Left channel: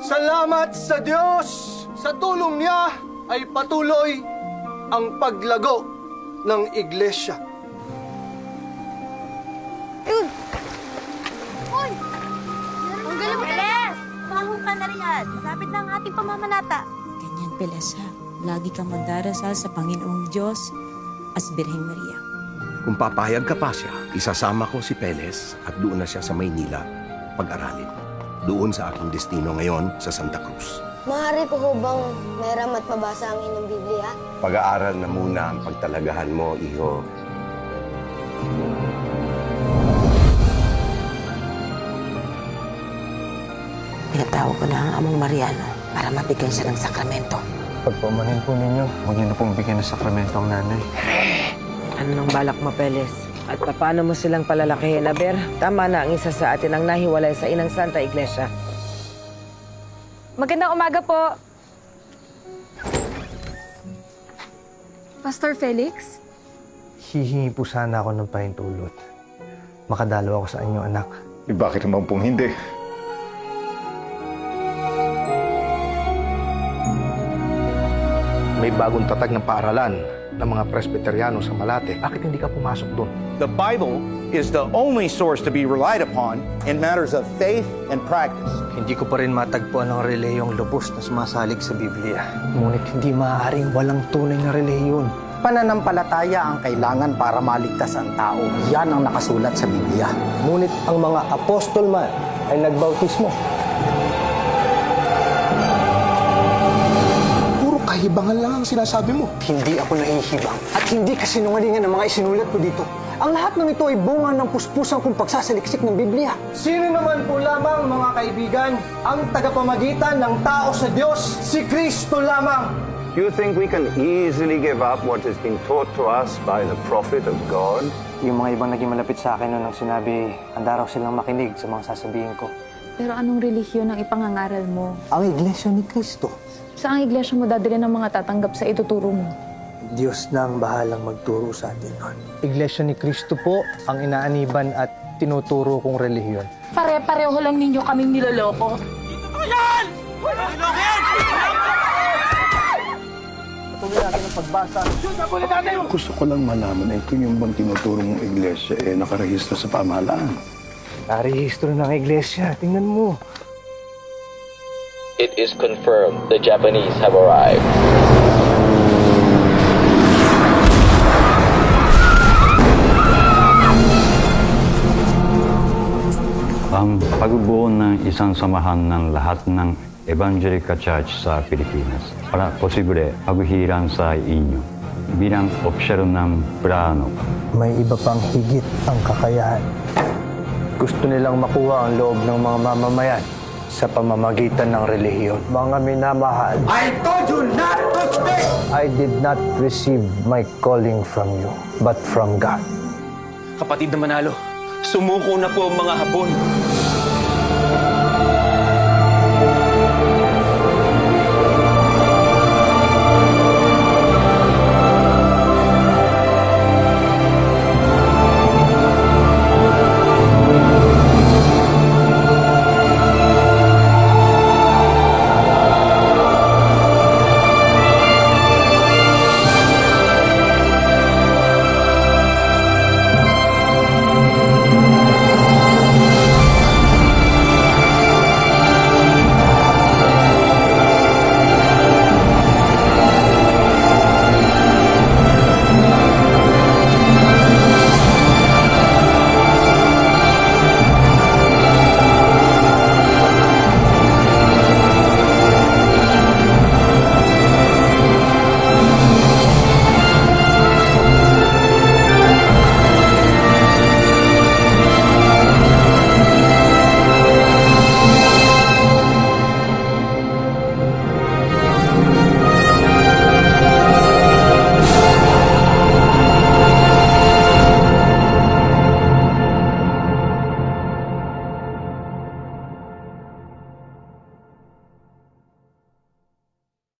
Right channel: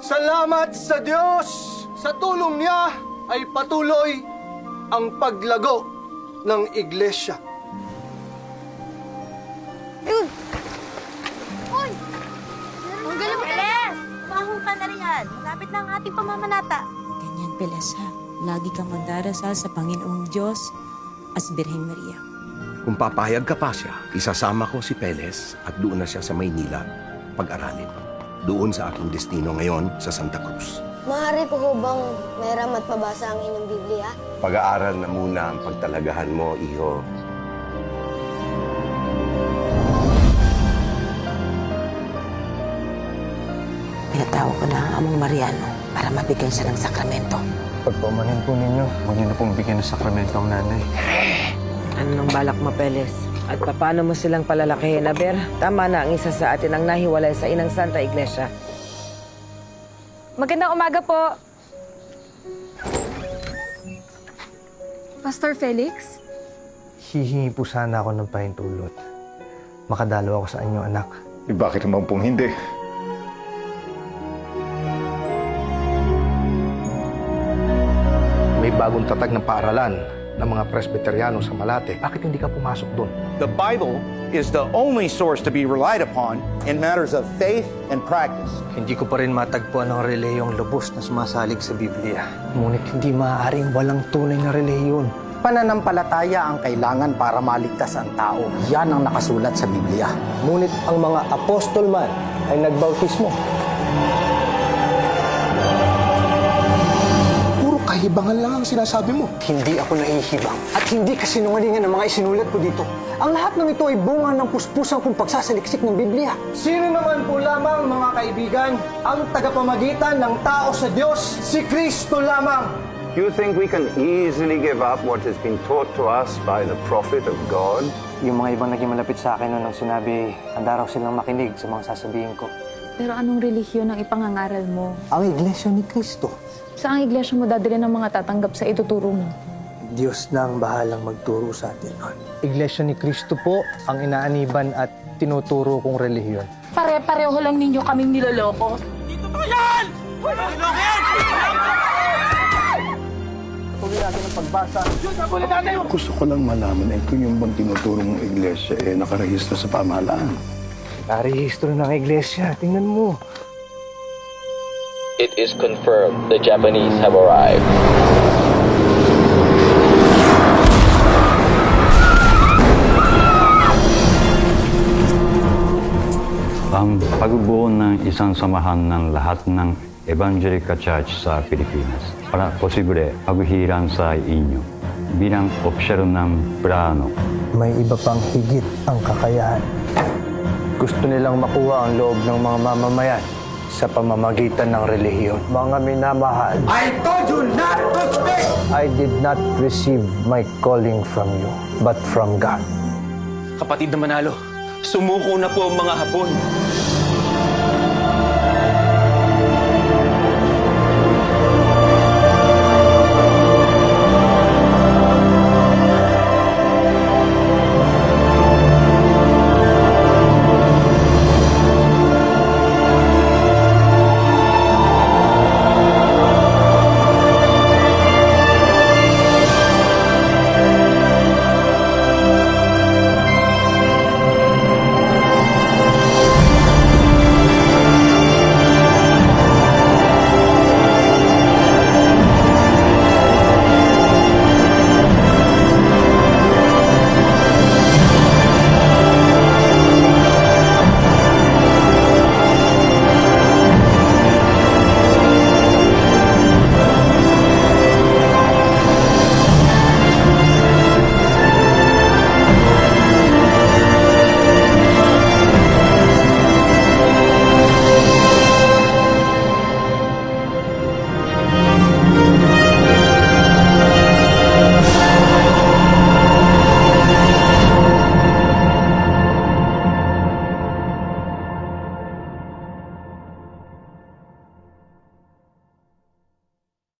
Salamat sa Diyos! Sa tulong niya ay patuloy ang paglago ng iglesia. Hoy! Ang galing mo talaga! Mahong ka na riyan. Malapit na ang ating pamamanata. Ganyan, Peles, ha? Lagi kang magdarasal sa Panginoong Diyos at sa Birheng Maria. Kung papayag ka pa siya, isasama ko si Peles at doon na siya sa Maynila pag-aralin. Doon sa aking destino ngayon sa Santa Cruz. Maaari ko ho bang meram at mabasa ang inyong Biblia? Pag-aaral na muna ang pagtalagahan mo, iho. Pinatawag ko na ang among Mariano para mabigyan siya ng sakramento. Pagpaumanin po ninyo, huwag niyo na pong bigyan ng sakramento ang nanay. Ano nang balak mo, Peles? At paano mo silang palalakihin, Aber? Tama na ang isa sa atin ang nahiwalay sa Inang Santa Iglesia. Magandang umaga po. Pastor Felix? Hihingi po sana ako ng pahintulot. Makadalo ako sa inyong anak. Bakit naman pong hindi? May bagong tatag ng paaralan ng mga Presbyteriano sa Malate. Bakit hindi ka pumasok doon? The Bible is the only source to be relied upon in matters of faith and practice. Hindi ko pa rin matagpuan ang relehiyong lubos na sumasalig sa Biblia. Ngunit hindi maaaring walang tunay na relihiyon. Pananampalataya ang kailangan para maligtas ang tao. Yan ang nakasulat sa Biblia. Ngunit ang mga apostol man ay nagbautismo. Puro kahibangan lang ang sinasabi mo. Hindi ako nahihibang at hindi kasinungalingan ng mga isinulat ko dito. Ang lahat ng ito ay bunga ng puspusan kong pagsasaliksik ng Biblia. Sino naman po lamang, mga kaibigan, ang tagapamagitan ng tao sa Diyos? Si Kristo lamang! You think we can easily give up what has been taught to us by the prophet of God? Yung mga ibang naging malapit sa akin noon nang sinabi, handa raw silang makinig sa mga sasabihin ko. Pero anong relihiyon ang ipangangaral mo? Ang Iglesia ni Cristo. Saan iglesia mo dadali ng mga tatanggap sa ituturo mo? Diyos na ang bahalang magturo sa atin noon. Iglesia ni Cristo po ang inaaniban at tinuturo kong relihiyon. Pare-pareho lang ninyo kaming niloloko. Tuloy natin ang pagbasa. Gusto ko lang malaman kung yung bang tinuturo mong iglesia nakarehistro sa pamahalaan. Narehistro ng Iglesia. Tingnan mo. It is confirmed the Japanese have arrived. Ang pagbubuo ng isang samahan ng lahat ng Evangelical Church sa Pilipinas para posible paghihiran sa inyo bilang opisyal ng plano. May iba pang higit ang kakayahan. Gusto nilang makuha ang loob ng mga mamamayan sa pamamagitan ng relihiyon. Mga minamahal, I told you not to speak! I did not receive my calling from you, but from God. Kapatid na Manalo, sumuko na po ang mga Hapon.